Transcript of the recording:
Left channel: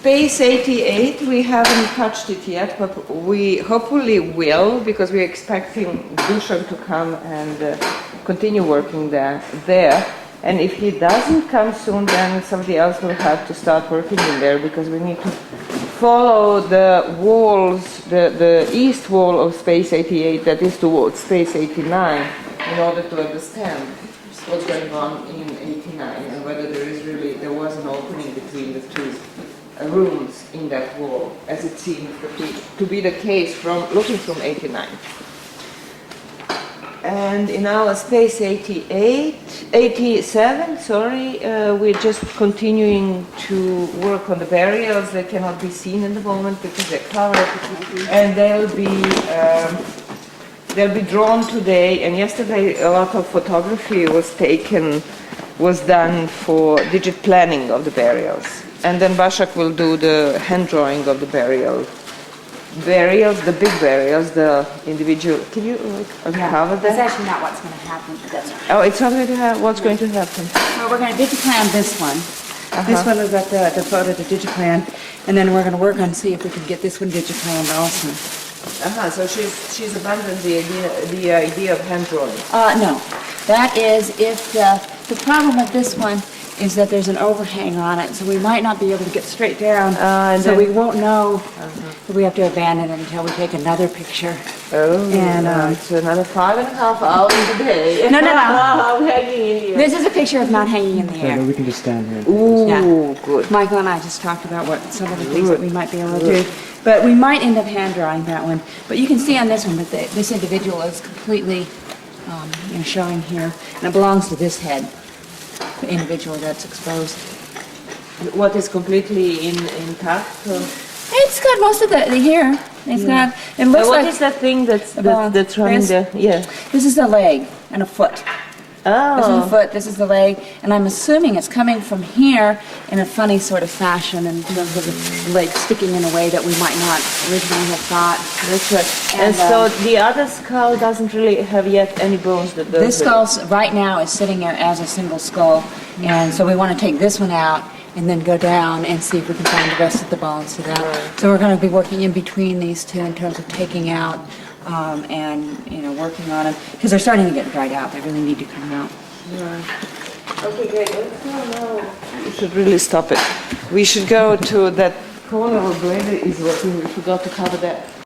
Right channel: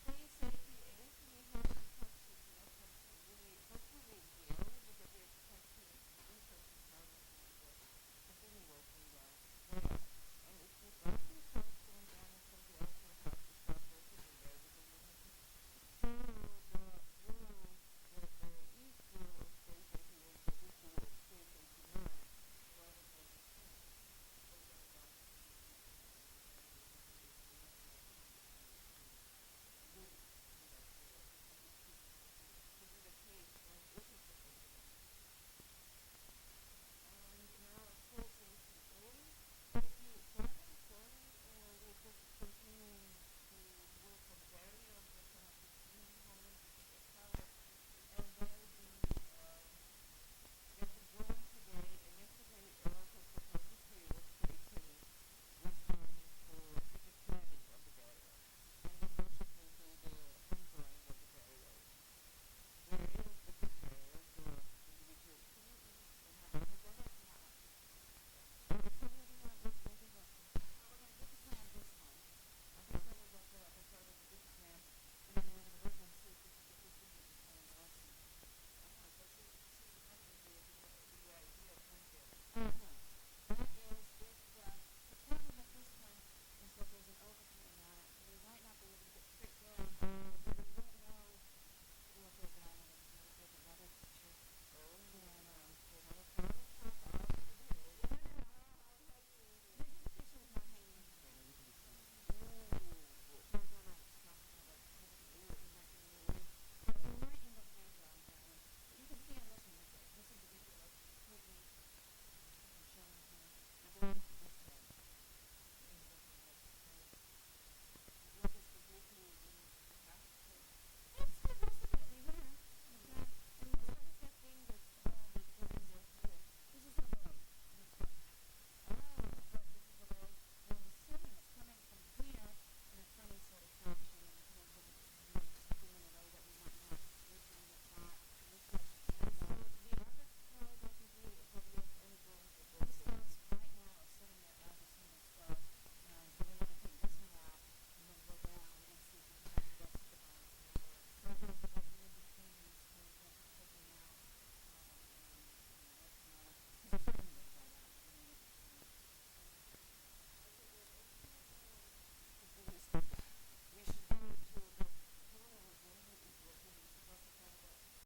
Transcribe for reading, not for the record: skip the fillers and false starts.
Space88, we haven't touched it yet, but we hopefully will, because we're expecting Dusan to come and continue working there. And if he doesn't come soon, then somebody else will have to start working in there, because we need to follow the walls, the east wall of Space88 that is towards Space89, in order to understand what's going on in 89 and whether there was an opening between the two rooms in that wall, as it seems to be the case from looking from 89. And in our Space87, we're just continuing to work on the burials. They cannot be seen in the moment because they're covered, and they'll be drawn today. And yesterday, a lot of photography was done for digit planning of the burials. And then Başak will do the hand drawing of the burials, the big burials, the individual. Can you cover that? That's actually not what's going to happen. Oh, it's not going to happen. What's going to happen? Well, we're going to digiplan this one. This one is at the photo to digiplan, and then we're going to work on see if we can get this one digiplanned also. So she's abandoned the idea of hand drawing. No, that is if the problem with this one is that there's an overhang on it, so we might not be able to get straight down, so we won't know that we have to abandon it until we take another picture. Oh, and it's another 5.5 hours a day. No. I'm hanging in here. This is a picture of not hanging in the air. So we can just stand here. Ooh, good. Michael and I just talked about some of the things that we might be able to do. But we might end up hand drawing that one. But you can see on this one that this individual is completely showing here, and it belongs to this head. The individual that's exposed. What is completely intact? It's got most of the hair. It's got. It looks what like. Is that thing that's running there? Yeah. This is the leg and a foot. Oh. This is the foot. This is the leg, and I'm assuming it's coming from here in a funny sort of fashion, in terms of the leg sticking in a way that we might not originally have thought. That's right. And so the other skull doesn't really have yet any bones. This skull right now is sitting there as a single skull, and so we want to take this one out and then go down and see if we can find the rest of the bones to that. Right. So we're going to be working in between these two in terms of taking out and working on them, because they're starting to get dried out. They really need to come out. Right. Okay, great. Let's go now. We should really stop it. We should go to that corner where Brenda is working. We forgot to cover that.